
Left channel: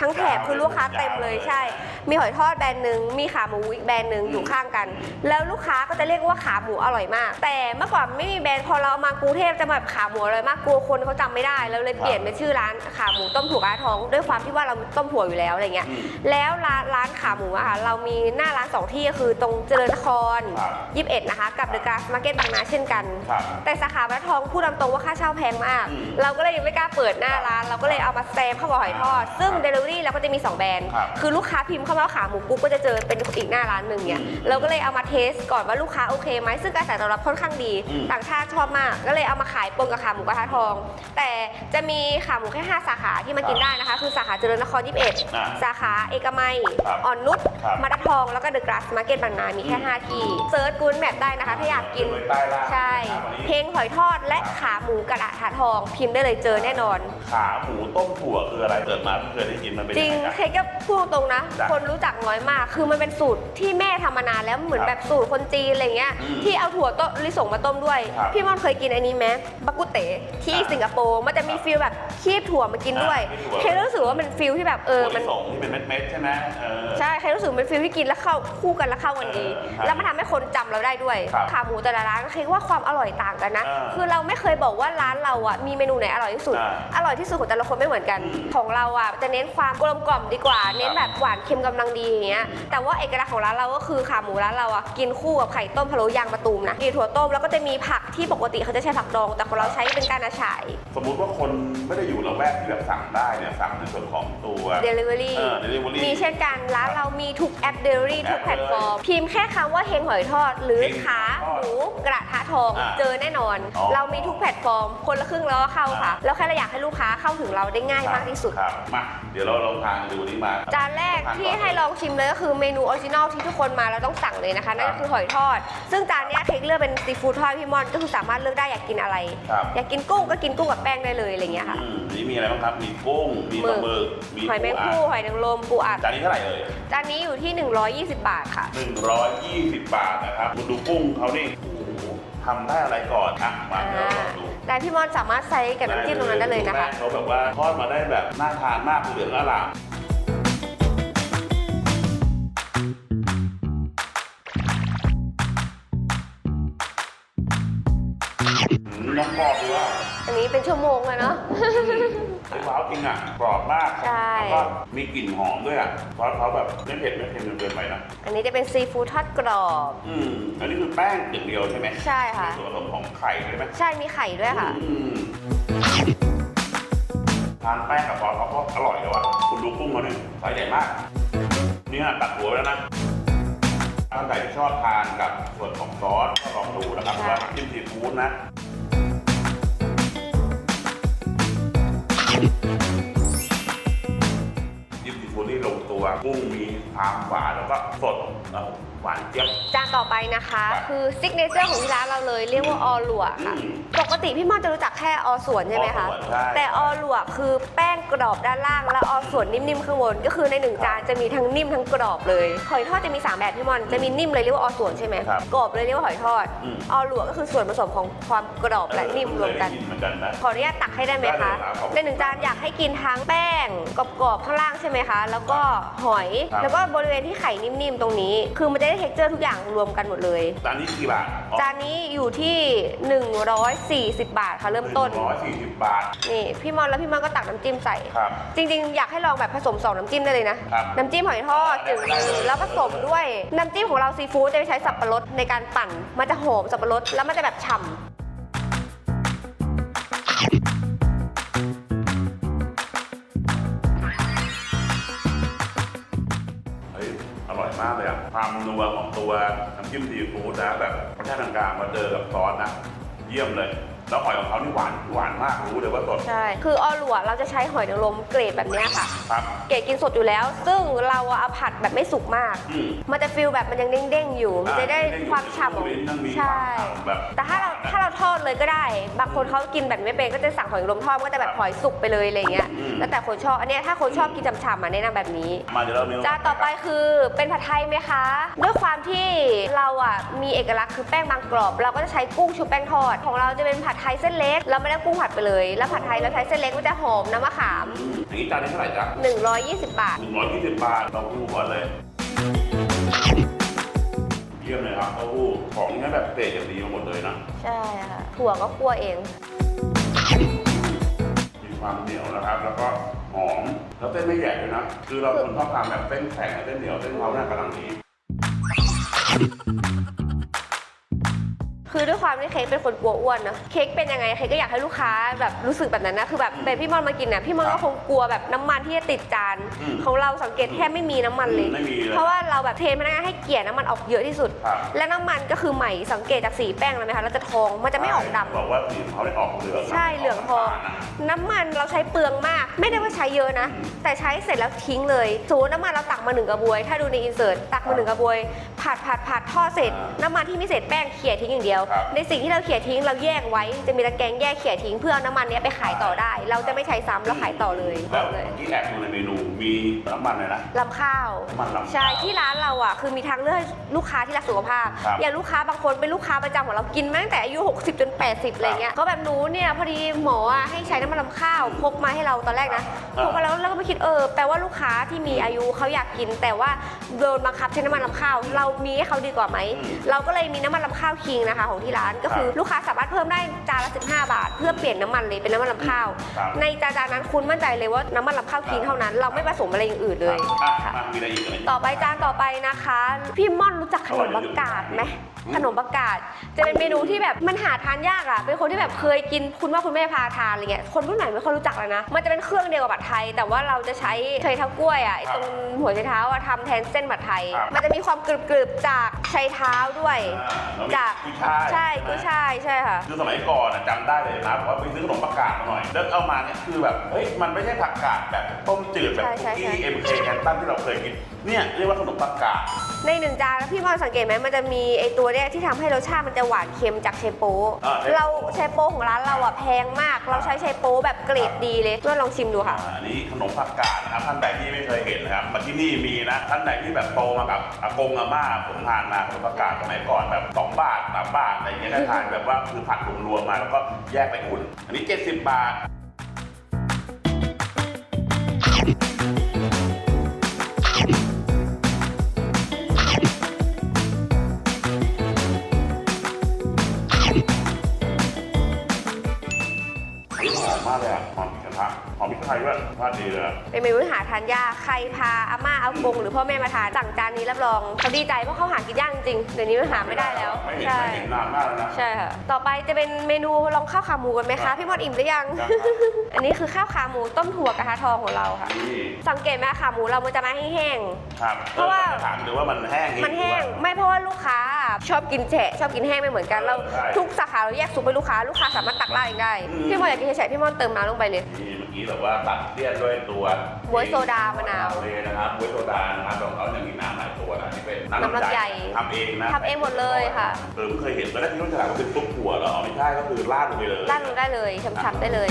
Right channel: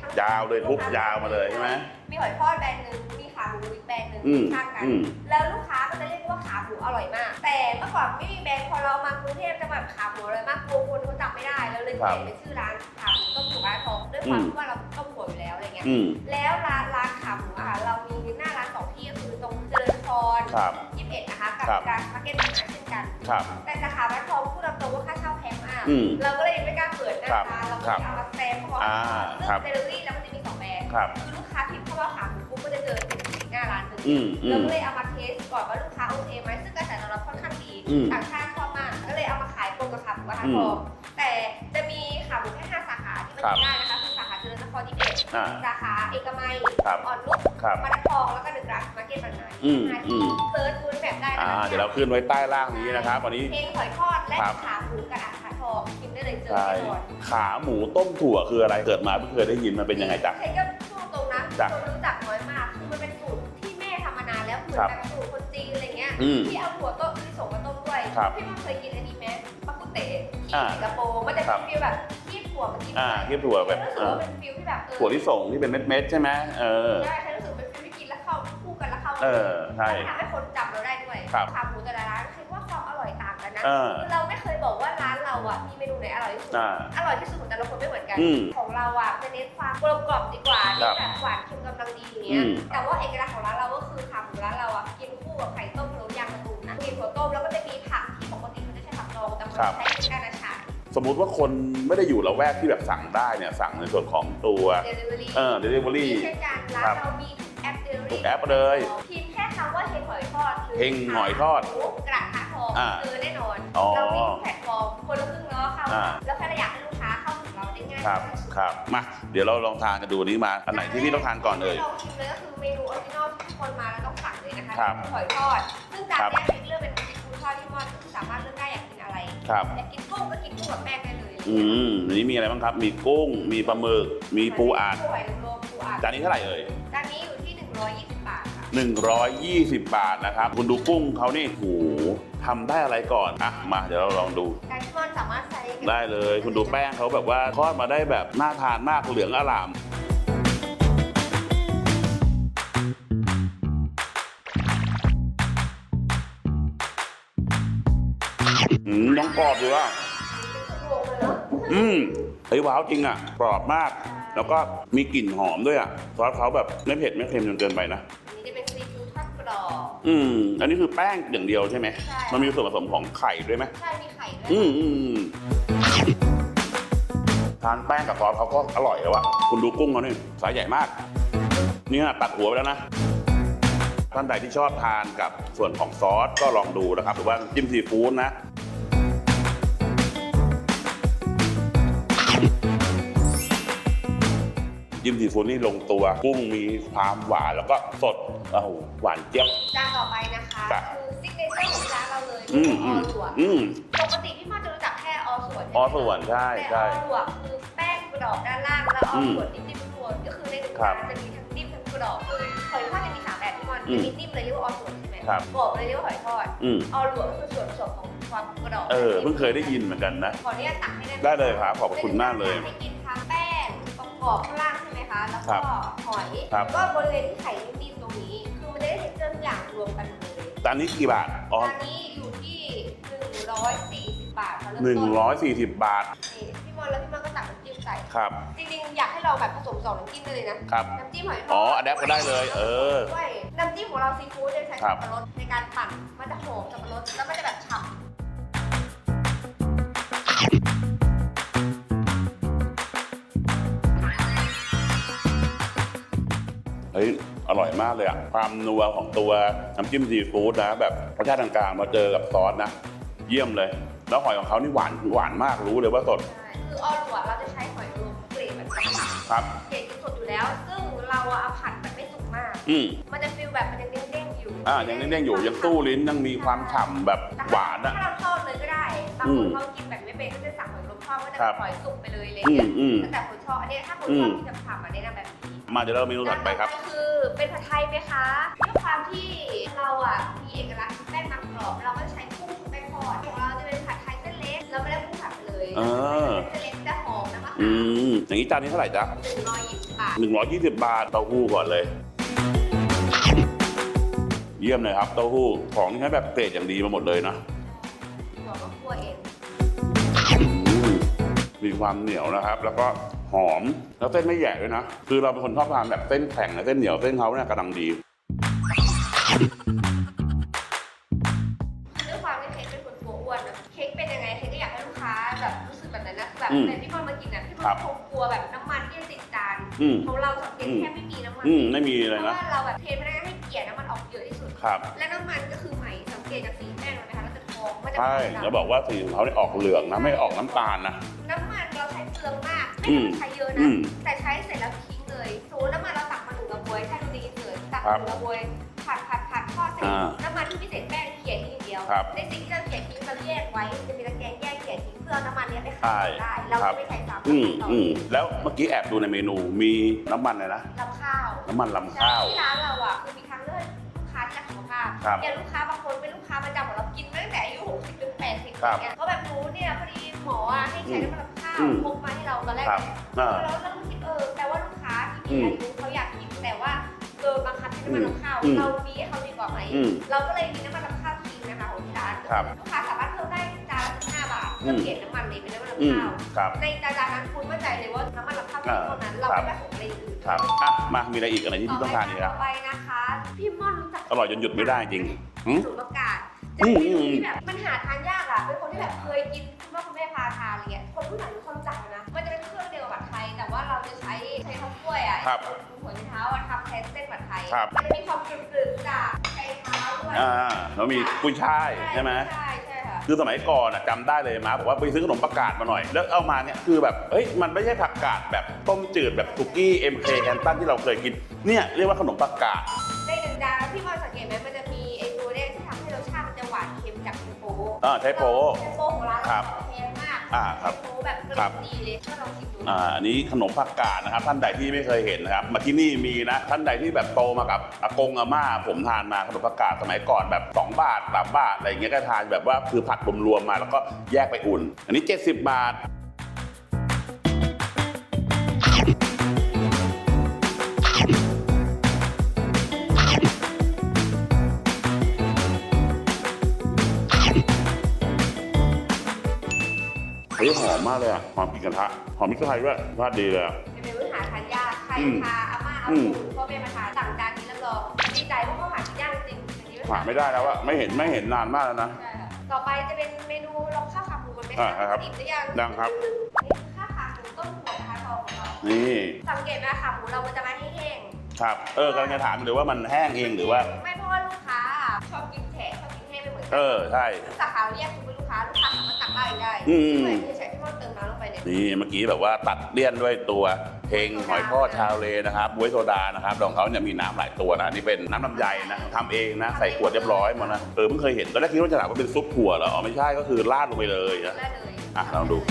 ทั้งแถบยาวเลยคือลูกค้าเต็มยาวเลเลยยใช่ใช่ไหมมีหอยทอดแบรนด์หนึ่งมีขาหมูอีกแบรนด์หนึ่งอืมอยู่ข้างกันอืมแล้วลูกค้าก็จะเรียกว่าขาหมูอร่อยมาก แต่เมื่อก่อนไม่มีแบรนด์พอเรามากรุงเทพจะแบบขาหมูอร่อยมากกลัวคนเขาจำไม่ได้เราเลยเปลี่ยนเป็นชื่อร้านขาหมูต้มถั่วกระทอง ด้วยความอืมที่ว่าเราต้มถั่วอยู่แล้วอะไรเงี้ยอืมแล้วร้านร้านขาหมูอะค่ะเรามีหน้าร้านสองที่ก็คือตรงเจริญนครครับ21นะคะกับครับเดอะกราสมาร์เก็ตบางนาเช่นกันครับแต่สาขาวัดทองพูดตามตรงว่าค่าเช่าแพงมากอืมเราก็เลยไม่กล้าเปิดหน้าครับร้านเราก็เลยเอามาแซมเข้ามาหอยทอดอ่าซึ่งครับเดลิเวอรี่เราก็จะมี 2 แบรนด์ครับคือลูกค้าพิมพ์เข้ามาว่าขาหมูปุ๊บก็จะเจอเป็นอีกหน้าร้านหนึ่งเนี่ยอืมเราก็เลยเอามาเทสก่อนว่าลูกค้าโอเคไหมซึ่งกระแสตอบรับค่อนข้างดี อืมต่างชาติชอบมากก็เลยเอามาขายปนกับขาหมูกระทะทอง แต่จะมีขาหมูแค่ 5 สาขาที่มากินได้นะคะ คือสาขาเจริญนคร อ่า21 สาขาเอกมัยครับอ่อนนุชครับมาราทองแล้วก็เดอะกราสมาร์เก็ตบางนามีแค่อืม5ที่เซิร์ชกูนแมปได้นะคะอ่าที่อยากเดี๋ยวกิขึ้นน ไว้ใต้ล่างใช่นี้นะครับวันนี้ เพลงหอยทอดและครับ ขาหมูกระดาษถาทอง พิมพ์ได้เลยเจอแน่นอน ขาหมูต้มถั่วคืออะไรเกิดมาเพิ่งเคยได้ยินมันเป็นจริยังงไงจ๊ะ เคยก็พูดตรงนะ จ้ะคนรู้จักน้อยมาก คือมันเป็นสูตรที่แม่ทำมานานแล้วเหมือนครับแบบสูตรคนจีนอะไรเงี้ย อืมที่เอาถั่วต้มลิสงมาต้มด้วย ครับพี่มอนเคยกินอันนี้ไหมบักกุเตะที่อ่าสิงคโปร์ มันจะมีครับฟีลแบบคีบถั่วมากินด้วยอ่าคีบถั่ว เคยรู้สึกว่ามันฟีลที่แบบเออถั่วมัที่นส่งที่เป็นเม็ดๆใช่ไหมเออ ใช่ใครรู้สึกเป็นฟิลที่กินแล้วเข้าคู่กันแล้วเข้ากันดี เออใช่แล้วมันทำให้คนจำเราได้ด้วย ครับขาหมูแต่ละร้านคิดว่าความอร่อยต่างกันนะ เออคือเราไม่เคยบอกว่าร้านเราอะมีเมนูไหนอร่อยที่สุด อ่าอร่อยที่สุดของแต่ละคนไม่เหมือนกัน อืม ของเราอะจะเน้นความกลมกล่อมดีกว่าเน้นแบบหวานเค็มกำลังดีอย่างเงี้ย อืม แต่ว่าเอกลักษณ์ของร้านเราก็คือขาหมูร้านเราอะกินคู่กับไข่ต้มพะโล้ยางมะตูมนะมีถั่วต้มแล้วก็จะมีผักที่ปกติเขาจะใช้ผักดอง แต่ของเราใช้เป็นก้านอาฉาย สมมุติว่าคนไม่ได้อยู่ละแวกที่แบบสั่งได้เนี่ยสั่งในส่วนของตัว Delivery เออ delivery มีเช่นกันร้านครับเรามีทุกแอป Delivery ทุทุกกแอปแพลตฟอร์เลยมพิมพ์แค่คำว่าเฮงหอยทอด หรือเฮงขาหอยทอดหมูกระทะทองอ่าเจอแน่นอน อ๋อเรามีทุกแพลตฟอร์ม คนละครึ่งแล้วก็เข้าค่ะอ่าแล้วแค่เราอยากให้ลูกค้าเข้าถึงเราได้ง่ายมากที่สุด ครับมาเดี๋ยวเราลองทานกันดูอันนี้มาจานแรที่กต้องทานก่ที่อนเลให้ย ลองชิมเลยก็คือเมนูออริจินอลที่ทุกคนมาแล้วต้องสั่งเลยนะคะครันั่บนก็คือหอยทอด ซึ่งจานเนี้ครัยบเค้กเลือกเป็นซีฟู้ดทอดพี่มอนก็คือสามารถเลือกได้อยากกินอะไร ครับ อยากกินกุ้งก็กินกุ้งกับแป้งได้เลยอะไรอย่างเงี้ยค่ะ อืมอันนี้มีอะไรบ้างครับ มีกุ้ง มีปลาหมึก มีหอยปูแมงอัด ผู้หอยนางรมปูอัดจานนี้เท่าไหร่เอ่ย จานนี้อยู่ที่ 120 บาทค่ะ 120 บาทนะครับ คุณดูกุ้งเขานี่โอ้โห ทำได้อะไรก่อนอะมาเดี๋ยวเราลองดู แต่พี่มอนสามารถใส่กับน้ำจิ้มตรงนั้นได้เลยดูนะแป้คะ งเขาแบบว่าทอดมาได้แบบน่าทานมากเหลืองอร่ามอืมน้องกรอบเลยว่าอั นนี้เป็นชั่วโมงเลยเนาะ อืมเฮ้ยว้าวจริงอะกรอบมาก ใช่ แล้วก็มีกลิ่นหอมด้วยอะซอสเขาแบบไม่เผ็ดไม่เค็มจนเกินไปนะ อันนี้จะเป็นซีฟู้ดทอดกรอบ อืม อันนี้คือแป้งอย่างเดียวใช่ไหมใช่ค่ะ มันมีส่วนผสมของไข่ด้วยไหมใช่มีไข่ด้วยอืค่ะ มอืมอืมทานแป้งกับซอสเขาก็อร่อยแล้วอะ คุณดูกุ้งเขาหนึ่งไซส์ใหญ่มาก นี่ฮะตัดหัวไปแล้วนะ ท่านใดที่ชอบทานกับส่วนของซอสก็ลองดูนะครับว่าน้ำจิ้มซีฟู้ดนะ จิ้มซีฟู้ดนี่ลงตัว กุ้งมีความหวานแล้วก็สดโอ้โหหวานเจี๊ยบ จานต่อไปนะคะครับคือซิกเนเจอร์ของที่ร้านเราเลยเรียกว่าออหลวอืค่ะม ปกติพี่มอนจะรู้จักแค่ออส่วนใช่ไหมออคะ ส่วนใช่แต่ใช่ออหลวคือแป้งกรอบด้านล่าง และอออืมส่วนนิ่มๆข้างบนก็คือในหนึ่งครับจานจะมีทั้งนิ่มทั้งกรอบเลยหอยทอดจะมีสามแบบพี่มอนจะมีนิ่มเลยเรียกว่าออส่วนใช่ไหมครับกรอบเลยเรียกว่าหอยทอดอืมออหลวก็คือส่วนผสมของความกรอบเอและอนิ่มเพิ่งรเควยมได้กัน ยินเหมือนกันนะ ขออนุญาตตักให้ได้ไหมได้เลยคะครับขอบคุณในหนึ่งจานมากเลยอยากให้กินทั้งแป้ง กรอบๆข้างล่างใช่ไหมคะ แล้วก็หอย ครับ แล้วก็บริเวณที่ไข่นิ่มๆตรงนี้ คือมันจะได้เท็กเจอร์ทุกอย่างรวมกันหมดเลย จานนี้กี่บาทอ๋อจานนี้อยู่ที่ 140 บาทค่ะเริ่มหนึ่ต้นงร้อยสี่สิบบาท นี่พี่มอนแล้วพี่มอนก็ตักน้ำจิ้มใส่ ครับ จริงๆ อยากให้ลองแบบผสมสองน้ำจิ้มได้เลยนะ ครับน้ำจิ้มหอยทอ๋ออดอันนี้ก็ได้เลยแล้วผสมเออด้วยน้ำจิ้มของเราซีฟู้ดจะใช้ครัสับบปะรดในการปั่น มันจะหอมสับปะรดแล้วมันจะแบบฉ่ำากเลยอะความนัวของตัวน้ำจิ้มซีฟู้ดนะแบบรสชาติกลางๆมาเจอกับซอสนะ เยี่ยมเลย แล้วหอยของเขานี่หวานหวานมากรู้เลยว่าสด ใช่ คือออหลัวเราจะใช้หอยนางรมเกรดแบบเนี้ยค่ะ ครับ เกรดกินสดอยู่แล้ว ซึ่งเราเอาผัดแบบไม่สุกมาก อืมมันจะฟิลแบบมันยังเด้งๆอยู่ มันอ่าจะได้ยังอยู่ความยังฉ่ำตู้ลิ้นยังมีความฉ่ำแบบแต่หถ้าวานอะ ถ้าเราทอดเลยก็ได้ บางคนอืมเขากินแบบไม่เป็นก็จะสั่งหอยนางรมทอดมันก็จะแบครับบหอยสุกไปเลยอะไรเงี้ย อืมอืมแล้วแต่คนชอบ อันเนี้ยถ้าคนชอบอืม กินฉ่ำๆอะแนะนำแบบนี้ มาเดี๋ยวเราเมนูจาต่นอไปต่อคไปรับ คือเป็นผัดไทยไหมคะ ด้วยความที่เราอะมีเอกลักษณ์คือแป้งบางกรอบ เราก็จะใช้กุ้งชุบแป้งทอด ของเราจะเป็นผัดไทยเส้นเล็กเราไม่ได้กุ้งผัดไปเลย แล้วผัดไทยเราใช้เส้นเล็กมันจะหอมน้ำมะอืขามมอย่างนี้จานนี้เท่าไหร่จ๊ะ120 บาทหนึ่งร้อยยี่สิบบาทเต้าหู้ก่อนเลย เยี่ยมเลยครับเต้าหู้ของนี่ให้แบบเกรดอย่างดีมาหมดเลยนะใช่ค่ะถั่วก็คั่วเอง มีความเหนียวนะครับ แล้วก็หอมแล้วเส้นไม่ใหญ่ด้วยนะคือเราคนชอบทานแบบเส้นแข็งกับเส้นเหนียวเส้นเขาเนี่ยกำลังดี คือด้วย ความที่เค้กเป็นคนกลัวอ้วนนะเค้กเป็นยังไงเค้กก็อยากให้ลูกค้าแบบรู้สึกแบบนั้นนะคือแบบอืมแต่พี่มอนมากินนะพี่มอนครัก็บคงกลัวแบบน้ำมันที่จะติดจานอืมของเราสังเกตอืมแทบไม่มีน้ำมันอืมเลยไม่มีเลยนะ เพราะว่าเราแบบเทรนพนักงานให้เกลี่ยน้ำมันออกเยอะที่สุด ครับและน้ำมันก็คือใหม่สังเกตจากสีแป้งแล้วไหมคะเราจะทองมันจะไม่ออกใช่แล้วดำบอกว่าสีของเขาได้ออกเหลืองนะใช่ไม่ออกเหลืองน้ำตาลนะ น้ำมันเราใช้เปลืองมาก ไม่ได้ว่าใช้เยอะนะ อืมแต่ใช้เสร็จแล้วทิ้งเลยสมมติน้ำมันเราตักมาหนึ่งกระบวย ถ้าดูในอินเสิร์ตตักครัมาบหนึ่งกระบวยผัดผัดผัดทอดเสร็จ อ่าน้ำมันที่ไม่เสร็จแป้งเขี่ยทิ้งอย่างเดียว ครับในสิ่งที่เราเขี่ยทิ้งเราแยกไว้จะมีตะแกรงแยกเขี่ยทิ้งเพื่อเอาน้ำมันเนี้ยไปขายต่อได้ เราจะไม่ใช้ซ้ำเราขายต่อเลยแล้วเลยเมื่อกี้แอบดูในเมนูมีน้ำมันอะไรนะ ลำข้าวน้ำมันลำใช่ข้าวที่ร้านเราอะคือมีทางเลือกลูกค้าที่รักสุขภาพ ครับอย่างลูกค้าบางคนเป็นลูกค้าประจำของเรากินมาตั้งแต่อายุ 60 จน 80อะไรเงี้ยก็แบบหนูเนี่ยพอดีหมออะให้ใช้น้ำมันลำข้าวอืมพกมาให้เราตอนแรกครันะบพกมาแล้วเราก็ไปคิดเออแปลว่าลูกค้าที่มีอืมอายุเขาอยากกิน แต่ว่าโดนบังคับใช้น้ำมันลำข้าว อืมเรามีให้เขาดีกว่าไหมอืม เราก็เลยมีน้ำมันลำข้าวคิงนะคะของที่ร้านก็คือครับลูกค้าสามารถเพิ่มได้จานละ15 บาท เพื่อเปลี่ยนน้ำมันเลยเป็นน้ำมันลำข้าวอืมครับในจานนั้นคุณมั่นใจเลยว่าน้ำมันลำข้าวคิงเท่านั้น เราไม่ผสมอะไรอย่างอื่นเลครัยบอะค่ะมามีอะไรอีกอะไรที่ต่อไปต้งจานทต่อไปนะคะ พี่ม่อนรู้จักขอนร่อยมจนหยุดปัไม่งได้กาดจริงไหม ขนมประกาศจะเป็นเมนูที่แบบมันหาทานยากอะ เป็นคนที่แบบเคยกินคุณว่าคุณแม่พาทานอะไรเงี้ย คนรุ่นใหม่ไม่ค่อยรู้จักเลยนะ มันจะเป็นเครื่องเดียวกับผัดไทย แต่ว่าเราจะใช้ใช้เท้ากล้วยอะไอ้ครับตรงหัวไชเท้าอะทำแทนเส้นผัดไทย ครับ มันจะมีความกรึบๆจากไชเท้าด้วยอ่าแล้วมีจากกุ้ยช่ายใช่ใช่ไหม กุ้ยช่ายใช่ค่ะ คือสมัยก่อนอะจำได้เลยนะบอกว่าไปซื้อขนมผักกาดมาหน่อย แล้วเอามาเนี่ยคือแบบเฮ้ยมันไม่ใช่ผักกาดแบบต้มจืดแบบใช่คุกใช่กี้ใช่ เอ็มเคแคนตันที่เราเคยกินเนี่ยเรียกว่าขนมผักกาด ในหนึ่งจานพี่บอลสังเกตไหมมันจะมีไอตัวเนี้ยที่ทำให้รสชาติมันจะหวานเค็มจากเชโป้อ่าเชโป้เราเชโป้ของร้านเราอะแพงมาก เราใช้อ่าเชโป้แบบเกรดดีเลยช่วยลองชิมดูค่ะ อ่าอันนี้ขนมผักกาดนะครับท่านใดที่ไม่เคยเห็นนะครับมาที่นี่มีนะท่านใดที่แบบโตมากับอากงอาม่าผมทานมาขนมผักกาดสมัยก่อนแบบ2บาท3บาทอะไรอย่างเงี้ยได้ทานแบบว่าคือผัดรวมๆมาแล้วก็แยกไปอุ่น อันนี้ 70 บาท มพริกไทยด้วยรสชาติดีเลยอะเป็นเมนูที่หาทานยากใครอืมพาอาม่าอากงอืม หรือพ่อแม่มาทานสั่งจานนี้รับรองเขาดีใจเพราะเขาหากินยากจริงๆเดี๋ยวนี้มันหาไม่ได้แล้วอะไม่เห็นใช่ไม่เห็นนานมากแล้วนะ ใช่ค่ะต่อไปจะเป็นเมนูลองข้าวขาหมูกันไหมครัคะบพี่บอลอิ่มหรือยัง ยังครับ อันนี้คือข้าวขาหมูต้มถั่วกระทะทองของเราค่ะนี่สังเกตไหมขาหมูเรามันจะมาแห้ง ครับเออเพราะว่า เราจะถามหรือว่ามันแห้งๆอีมันกหรือแห้ว่างไม่เพราะว่าลูกค้าชอบกินแฉะชอบกินแห้งไม่เหมือนกันเออแล้วใช่ทุกสาขาเราแยกซุปให้ลูกค้าลูกค้าสามารถตักราดเองได้อืม พี่บอลอยากกินแฉะพี่บอลเติมน้ำลงไปเลย นี่เมื่อกี้แบบว่าตัดเลี่ยนด้วยตัวบ๊วยโซดาเองหอยทอดมะนาวชาวเลนะครับบ๊วยโซดานะครับของเขาเนี่ยมีน้ำหลายตัวนะนี่เป็นน้ำลำไยน้ำลำไยนะทำเองนะทำใส่เองขวดเรียบร้อยหมดเลยค่ะนะเออไม่เคยเห็นตอนแรกคิดว่าจะถามว่าเป็นซุปถั่วเหรออ๋อไม่ใช่ก็คือราดลงไปเลย ราดลงได้เลยช้ำๆได้เลย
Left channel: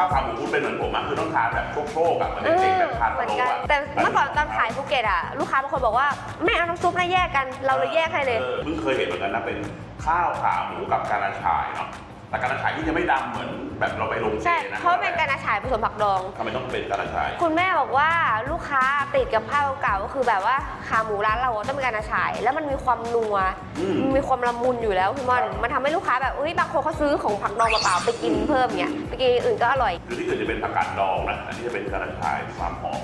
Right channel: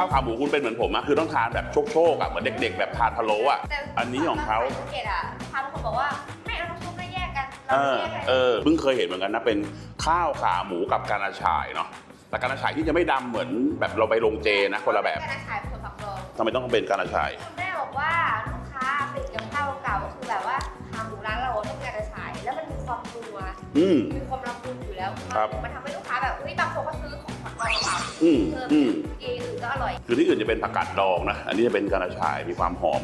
ข้าวขาหมูคุณเป็นเหมือนผมอะคือต้องทานแบบโชคๆอะเหมือนเด็กๆแบบทานพะโล้อะแต่อันเมื่อก่นี้อนของเขาตอนขายภูเก็ตอะลูกค้าบางคนบอกว่าไม่เอาน้ำซุปนะแยกกัน เราเลยแยกให้เลยออเพิ่งเคยเห็นเหมือนกันนะเป็นข้าวขาหมูกับกานาชายเนาะ แต่กานาชายที่จะไม่ดำเหมือนแบบเราไปลงเจใช่นะเพคนราะละเป็นแบกาบรฉายผสมผักดอง ทำไมต้องเป็นกานาชาย คุณแม่บอกว่าลูกค้าติดกับข้าวเก่าก็คือแบบว่าขาหมูร้านเราต้องเป็นการฉาย แล้วมันมีความนัวอืมมันมีความละมุนอยู่แล้วคุณมอนครับมันทำให้ลูกค้าแบบเฮ้ยบางคนเขาซื้อของผักดองเปล่าๆไปกินอืมเพิ่มเนี่ยอืม ไปกินอย่างอื่นก็อร่อย คือที่อื่นจะเป็นผักกาดดองนะ อันนี้จะเป็นกานาชายมีความหอม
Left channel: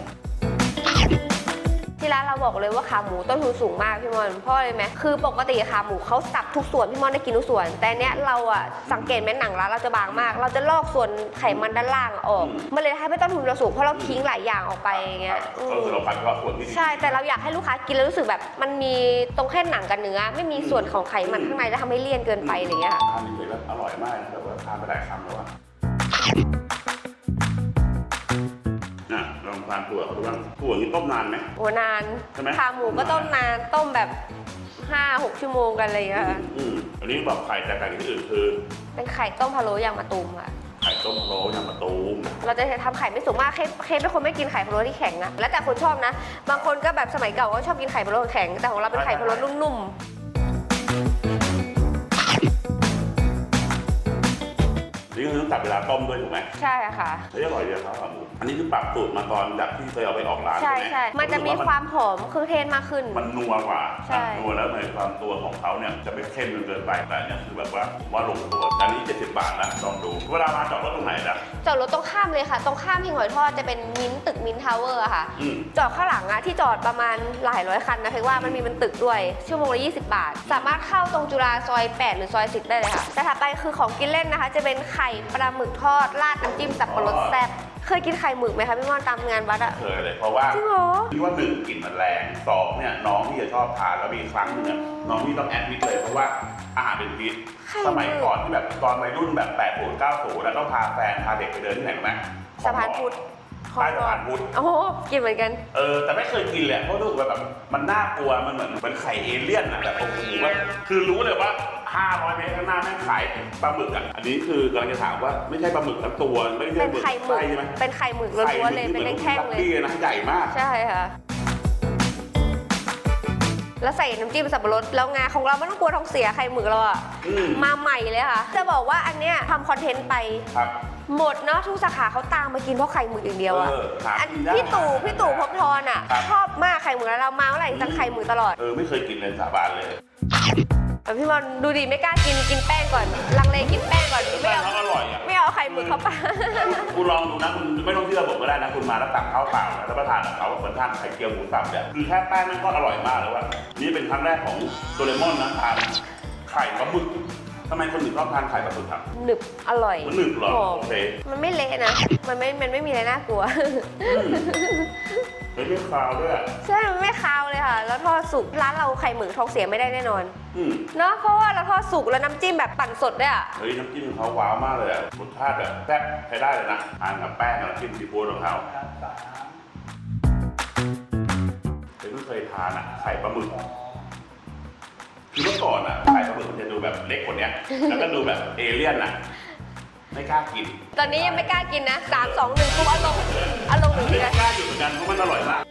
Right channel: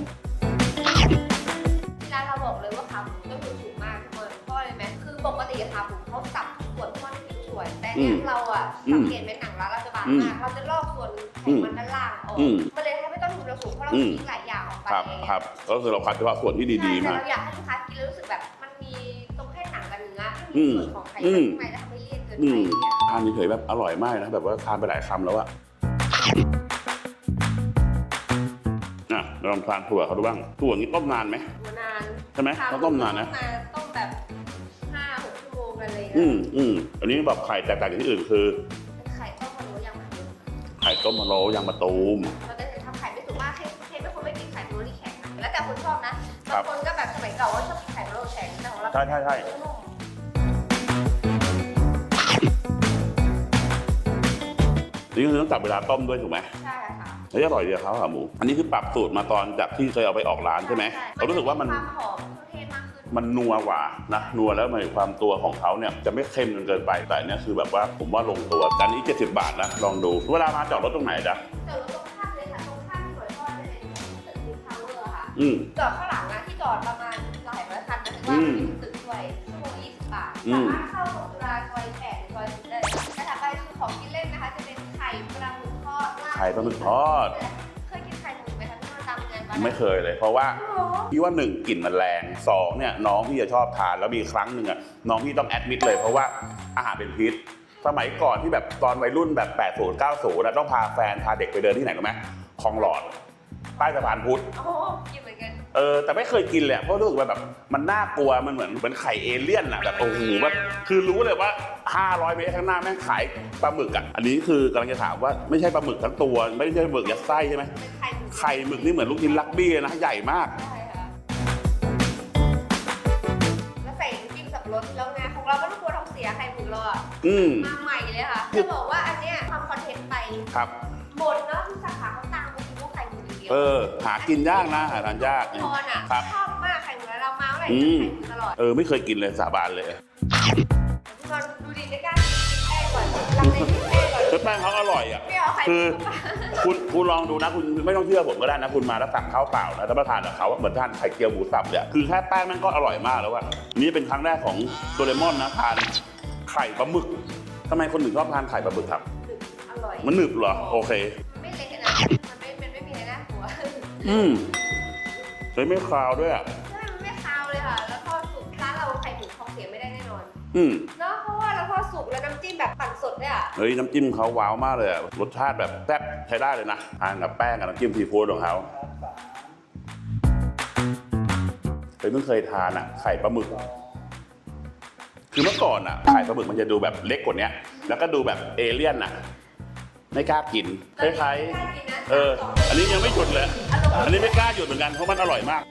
ที่ร้านเราบอกเลยว่าขาหมูต้นทุนสูงมากพี่มอนเพราะอะไรไหมคือปกติขาหมูเขาสับทุกส่วนพี่มอนได้กินทุกส่วน แต่เนี้ยอืมเราอะสังเกตไหมหนังร้านเราจะบางมาก เราจะลอกส่วนไขมันด้านล่างออกอืมมันเลยทำให้ต้นทุนเราสูงเพราะเราอืมทิ้งหลายอย่างออกไปครับอย่างคเงี้รัยบก็คือเราคัดเฉพาะส่วนที่ใช่ดีๆแต่มาเราอยากให้ลูกค้ากินแล้วรู้สึกแบบมันมีตรงแค่หนังกับเนื้อ ไม่มีอืมส่วนของไขมันอืมข้างในจะทำให้เลี่ยนเกินไปอะไรเงี้ยค่ะทานเฉยๆแบบอร่อยมากนะแบบว่าทานไปหลายคำแล้วอะ อะลองทานถั่วเขาดูบ้างถั่วนี่ต้มนานไหมโอ้นานใช่ไหมขาหมูต้มก็นานนะต้มนานต้มแบบห้าหกชั่วโมงกันอะไรเงี้อืยมค่ะอืมอันนี้แบบไข่แตกต่างจากที่อื่นคือ เป็นไข่ต้มพะโล้ยางมะตูมค่ะไข่ต้มมะโล้ยางมะตูม เราจะทำไข่ไม่สุกมากเคเคเป็นคนไม่กินไข่พะโล้ที่แข็งนะแล้วแต่คนชอบนะ บางคนก็แบบสมัยเก่าก็ชอบกินไข่พะโล้แข็ง แต่ของเราเป็นไข่พะโล้นุ่ม นี่คือต้องจับเวลาต้มด้วยถูกไหมๆใช่ค่ะ แล้วอร่อยดีครับขาหมู อันนี้คือปรับสูตรมาตอนจากที่เคยเอาไปออกร้านใช่ใช่ไหมใช่มันจะรู้สึกมีว่าความหอมเครื่องเทศมากขึ้น มันนัวกว่าใช่ นะนัวแล้วมันมีความตัวของเขาเนี่ยจะไม่เค็มจนเกินไป แต่อันเนี้ยคือแบบว่าผมว่าลงตัว อันนี้ 70 บาทนะลองดู เวลามาจอดรถตรงไหนนะจอดรถตรงข้ามเลยค่ะ ตรงข้ามที่หอยทอดจะเป็นมิ้นท์ตึกมิ้นท์ทาวเวอร์อะค่ะ อืม จอดข้างหลังอะที่จอดประมาณหลายร้อยคันนะเพราะว่าอืมมันมีเป็นตึกด้วย ชั่วโมงละ 20 บาท อืม สามารถเข้าตรงจุฬาซอย 8 หรือซอย 10 ได้เลยค่ะแต่ถัดไปคือของกินเล่นนะคะ จะเป็นไข่ปลาหมึกทอดราดน้ำจิ้มสับปะรดแซ่บเคยกินไข่หมึกไหมคะพี่ม่อนตามงานวัดไม่อะ เคยเลยเพราะว่าจริงเหรอ พี่ว่าหนึ่งกลิ่นมันแรงสองเนี่ยน้องที่จะชอบทานแล้วมีครั้งหนึ่งอะน้องที่ต้องแอดมิดเลยเพราะว่าอาหารเป็นพิษ ไข่สมัยก่อนที่แบบตอนวัยรุ่นแบบ80 90แล้วต้องพาแฟนพาเด็กไปเดินที่ไหนรู้ไหมขสะองหพาลนอดพุทธ ใต้สะพานพุทธ โอ้โหกินเหมือนกัน เออแต่ไม่เคยกินเลยเพราะรู้สึกว่าแบบมันน่ากลัวมันเหมือนเป็นไข่เอเลี่ยนอะแบบโอ้โหว่าคือรู้เลยว่า 500 เมตรข้างหน้าแม่งขายปลาหมึกอะอันนี้คือกำลังจะถามว่าไม่ใช่ปลาหมึกทั้งตัว ไม่ใช่เป็นหมึกไข่กับหมึไส้กใช่ไหมเป็นไข่หมึกไข่หล้มึวนๆเลยกนี่เหมือนเป็ลูนกชิ้นแท่ลังกเลบี้ยเลยนะใหญ่มาก ใช่ค่ะ แล้วใส่น้ำจิ้มสับปะรดแล้วงาของเราไม่ต้องกลัวท้องเสียไข่หมึกเราอะอืมมาใหม่เลยค่ะจะบอกว่าอันเนี้ยทำคอนเทนต์ไป ครับ หมดเนาะทุกสาขาเขาตามมากินเพราะไข่หมึกอย่างเดียวเออะอหากินยากพี่นะตู่หาพี่ตู่ยากพกทอนอะครับชอบมากไข่หมึกแล้วเรามาเมื่อไหร่อืมจะไข่หมึกตลอดเออไม่เคยกินเลยสาบานเลยแต่พี่บอลดูดิไม่กล้ากินกินแป้งก่อนลังเลกินแป้งก่อนแต่แป้งเขาอร่อยอะ ไม่เอาไข่มือเขาปะคุณคุณลองดูนะคุณไม่ต้องเชื่อผมก็ได้นะคุณมาแล้วสั่งข้าวเปล่านะแล้วมาทานกับเขาเหมือนทานไข่เจียวหมูสับเนี่ยคือแค่แป้งมันก็อร่อยมากแล้วว่ะนี่เป็นครั้งแรกของโดเรมอนนะทานไข่ปลาหมึก ทำไมคนถึงชอบทานไข่ปลาหมึกครับ หนึบอร่อยมันหนึบเหรอหมโอเคมันไม่เละนะ มันไม่มันไม่มีอะไรน่ากลัว อืมเฮ้ยไม่คาวด้วยอะใช่มันไม่คาวเลยค่ะ แล้วทอดสุกร้านเราไข่หมึกทองเสียไม่ได้แน่นอน อืมเนาะเพราะว่าเราทอดสุกแล้วน้ำจิ้มแบบปั่นสดด้วยอะเฮ้ยน้ำจิ้มเขาว้าวมากเลยอะรสชาติแบบแซ่บใช้ได้เลยนะทานกับแป้งกับน้ำจิ้มซีฟู้ดของเขาเฮ้ยเพิ่งเคยทานอะไข่ปลาหมึก คือเมื่อก่อนอะไข่ปลาหมึกมันจะดูแบบเล็กกว่านี้แล้วก็ดูแบบเอเลี่ยนอะ ไม่กล้ากินตอนนี้ยังไม่กล้ากินนะเอสามอสองหนึ่งอันนี้ยังไม่หยุดเลยอารมณ์อันดีนี้ไม่กล้าหยุดเหมือนกันเพราะมันอร่อยมาก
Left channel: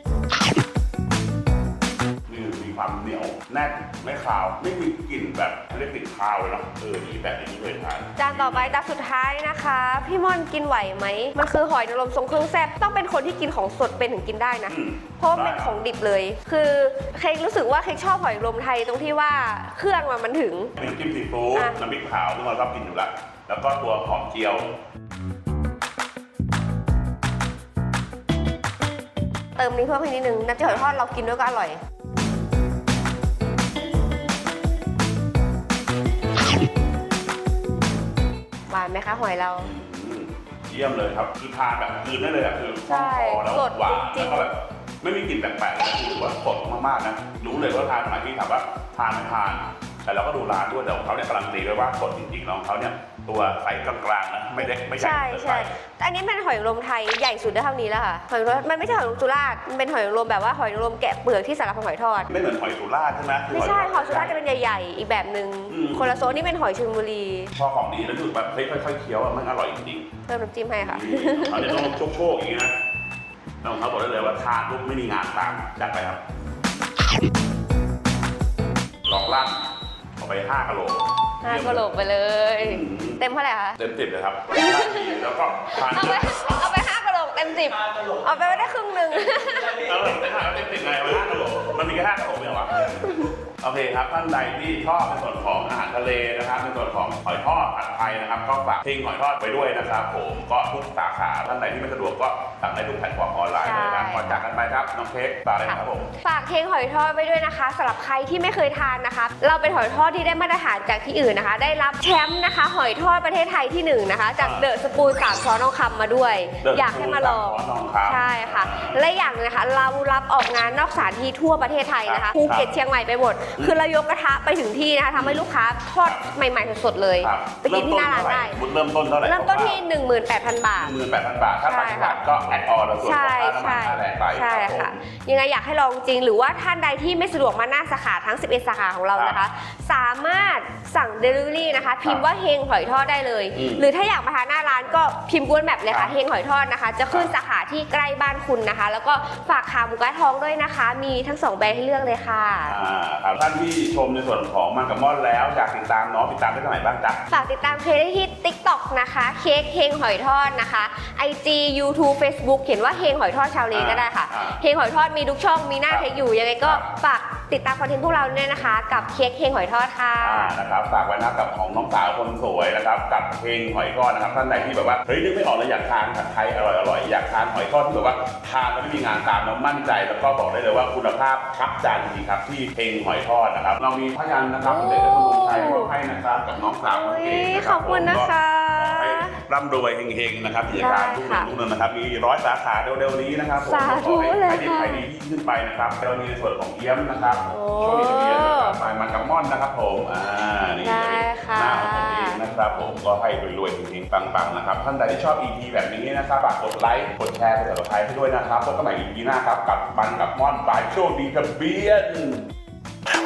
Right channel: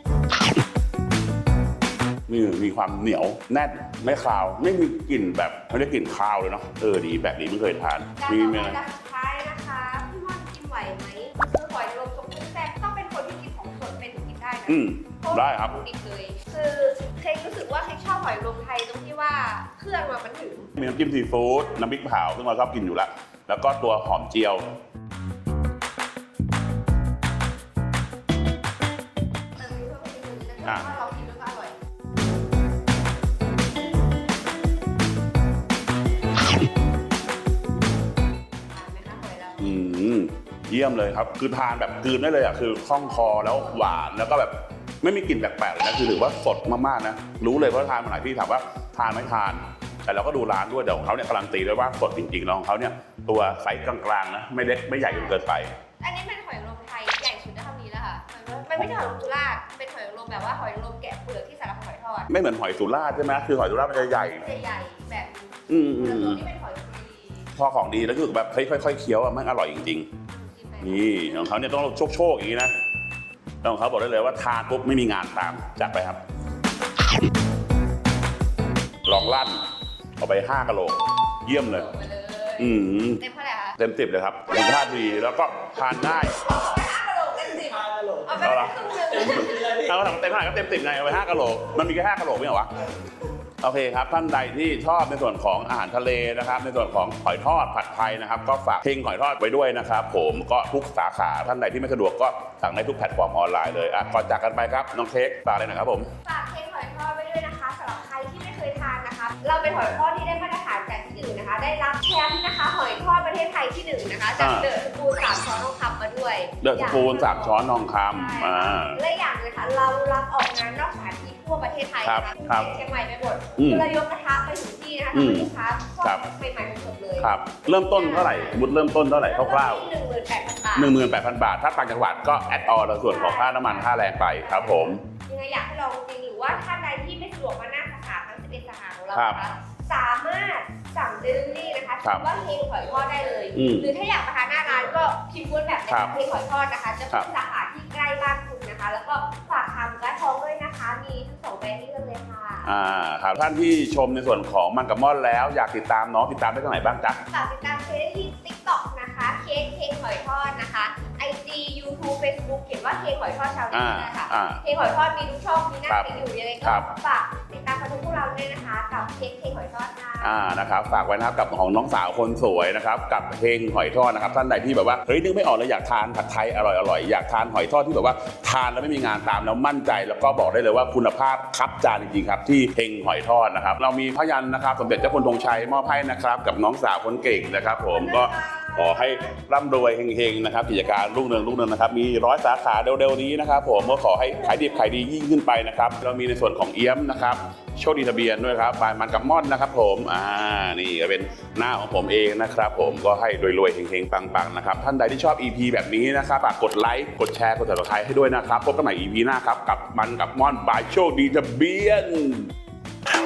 นี่มีความเหนียวแน่นไม่คาว ไม่มีกลิ่นแบบไม่ได้กลิ่นคาวเลยเนาะเออดีแบบนี้ไม่เคยทานจานต่อไปดีจานสุดท้ายนะคะ พี่ม่อนกินไหวไหมมันคือหอยนางรมทรงเครื่องแซ่บต้องเป็นคนที่กินของสดเป็นถึงกินได้นะ อืม เพราะว่าได้เป็นครัขบองดิบเลย คือเค้กรู้สึกว่าเค้กชอบหอยนางรมไทยตรงที่ว่าเครื่องมันมันถึง มีน้ำจิ้มซีฟู้ดอะ น้ำพริกเผาที่เราชอบกินอยู่ละแล้วก็ตัวหอมเจียว เติมนี้เพิ่มให้นิดนึงน้ำจิ้มหอยทอดเรากินด้วยก็อร่อย หวานไหมคะหอยเรา อืมเยี่ยมเลยครับ คือทานแบบกลืนได้เลยอะคือคล่องคอแล้วสดหวานจริงๆ แล้วก็แบบไม่มีกลิ่นแปลกๆเลยนะคือถือว่าสดมากๆนะรู้เลยว่าทานไหนพี่ถามว่าทานไม่ทาน แต่เราก็ดูร้านด้วยเดี๋ยวเขาเนี่ยการันตีเลยว่าสดจริงๆแล้วของเขาเนี่ยตัวไซส์กลางๆนะไม่เล็กไม่ใหญ่จนเกินไปใช่แต่อันนี้เป็นหอยนางรมไทยใหญ่สุดได้เท่านี้แล้วค่ะหอยนางรมมันไม่ใช่หอยนางรมสุราษฎร์มันเป็นหอยนางรมแบบว่าหอยนางรมแกะเปลือกที่สารพันหอยทอดไม่เหมือนหอยสุราษฎร์ใช่ไหมคือหไม่อยสุใช่ราษฎหอยร์สุใหราญ่ษฎร์จะเป็นใหญ่ๆ อีกแบบหนึ่งอืม คนละโซนนี่เป็นหอยชลบุรีๆพอของดีแล้วรู้สึกแบบเฮ้ยค่อยๆเคี้ยวอะมันอร่อยจริงๆเติมน้ำจิ้มให้ค่ะนี่ของเขาเนี่ยต้องโชคโชคๆอย่างนี้นะแล้วของเขาบอกได้เลยว่าทานปุ๊บไม่มีงานตามจัดไปครับ ลองลั่น เอาไป5กะโหลห้าเยี่ยมกะเลโหลยกไปเลย อืม เต็มเท่าไหร่คะเต็มสิบเลยครับดีท่าดีแล้วก็ทานเอาไปได้เอาไปห้ากะโหลกเต็มสิบเอาไปไม่ได้ครึ่งหนึ่ง เอาเต็มห้าเต็มสิบไงเอาไป5กะโหลมันมีแค่5กะโหลไม่เหรอวะโอเคครับท่านใดที่ชอบในส่วนของอาหารทะเลนะครับ ในส่วนของหอยทอดผัดไทยนะครับ ก็ฝากทิ้งหอยทอดไปด้วยนะครับ ผมก็ทุกสาขาท่านใดที่ไม่สะดวกก็สั่งได้ทุกแพลตฟอร์มออนไลน์เลยนะก่อนจากกันไปครับน้องเค้กตาอะไรนะครับผมฝากเค้กหอยทอดไว้ด้วยนะคะสำหรับใครที่ไม่เคยทานนะคะเราเป็นหอยทอดที่ได้มาตรฐานจากที่อื่นนะคะ ได้รับแชมป์นะคะ หอยทอดประเทศไทยที่หนึ่งนะคะจากอ่าเดอะสปูนสามช้อนทองคำมาด้วยเดอะอยากปูให้นมาลสาอมงช้อนทองคำใช่ค่ะอ่าและอย่างหนึงนะคะเรารับออกงานนอกสถานที่ทั่วประเทศไทยนะครัคะบภูเก็ตครับเชียงใหม่ไปหมดอืมคือเรายกกระทะไปถึงที่นะคะทำให้อืมลูกค้าทอดครับใหม่ๆสดๆเลยครับไปเริ่กิมนที่ต้นหน้าร้าเท่านไหร่ได้มุดเริ่มต้นเท่าไหร่เริ่มต้นคร่าวที่ 18,000 บาทๆหนึ่งหมื่นแปดพันบาท ถ้าต่างจังหวัดก็แอดออนส่วนของค่าน้ำมันค่าแรงไปใช่ครับผมะยังไงอยากให้ลองจริงหรือว่าท่านใดที่ไม่สะดวกมาหน้าสาขาทั้ง 11 สาขาของเรานะคะ สามารถสั่ง Delivery นะคะพิมพ์ว่าเฮงหอยทอดได้เลยอืมหรือถ้าอยากมาทานหน้าร้านก็พิมพ์กวนแบบเลยครัค่ะบเฮงหอยทอดนะคะ จะขึ้นสาขาที่ใกล้บ้านคุณนะคะ แล้วก็ฝากขาหมูกระทองด้วยนะคะ มีทั้งสองแบรนด์ให้เลือกเลยค่ะอ่าครับท่านที่ชมในส่วนของมังกรมอนแล้ว อยากติดตามน้องติดตามได้ที่ไหนบ้างจ๊ะ ฝากติดตามเพจได้ที่ TikTok นะคะ เค้กเฮงหอยทอดนะคะ IG YouTube Facebook เขียนว่าเฮงหอยทอดชาวเลก็ได้ค่ะอ่าเฮงหอยทอดมีทุกช่องมีหน้าครับเค้กอยู่ยังไงก็ครับ ฝากติดตามคอนเทนต์พวกเราเนี่ยนะคะ กับเค้กเฮงหอยทอดค่ะ อ่านะครับฝากไว้นะครับกับของน้องสาวคนสวยนะครับกับเพลงหอยทอดนะครับท่านใดที่แบบว่าเฮ้ยนึกไม่ออกเลยอยากทานผัดไทยอร่อยอร่อยอยากทานหอยทอดที่แบบว่าทานแล้วไม่มีงานตามแล้วมั่นใจ แล้วก็บอกได้เลยว่าคุณภาพคับจานจริงๆครับที่เพลงหอยทอดนะครับ เรามีพยัญชนะครับสมเด็จเจ้าคุณธงชัยมอบให้นะครับกับน้องสาวคนเก่งนะครับขอบผคุมณนะก็คะขอให้ร่ำรวยเฮงๆนะครับกิจการได้รุ่งเรืองค่ะรุ่งเรืองนะครับ มีร้อยสาขาเร็วๆนี้นะครับผมก็ขอให้สาธุเลยขายดีค่ะขายดียิ่งขึ้นไปนะครับเรามีในส่วนของเอี้ยมนะครับโอ้โชคดีทะเบียนด้วยครับไฟมันกับม่อนนะครับ ผมอ่านี่จะเป็นได้ค่ะหน้าของผมเองนะครับ ผมก็ให้รวยๆเฮงๆปังๆนะครับท่านใดที่ชอบ EP แบบนี้นะครับฝากกดไลค์กดแชร์กดติดตามให้ด้วยนะครับพบกันใหม่ EP หน้าครับกับมันกับม่อนบายโชคดีทะเบียน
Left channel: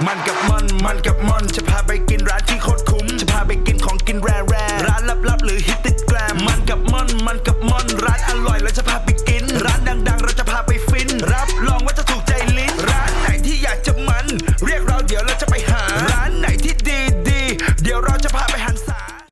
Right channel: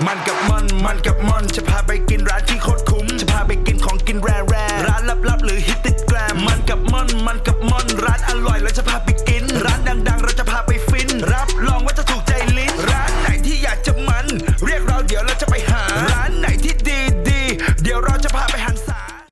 มันกับมันมันกับมันจะพาไปกินร้านที่โคตรคุ้ม จะพาไปกินของกินแร่แร่ร้านลับๆหรือฮิตติดแกรมมันกับมันมันกับมันร้านอร่อยเราจะพาไปกิน ร้านดังๆ เราจะพาไปฟิน รับรองว่าจะถูกใจลิ้น ร้านไหนที่อยากจะมัน เรียกเราเดี๋ยวเราจะไป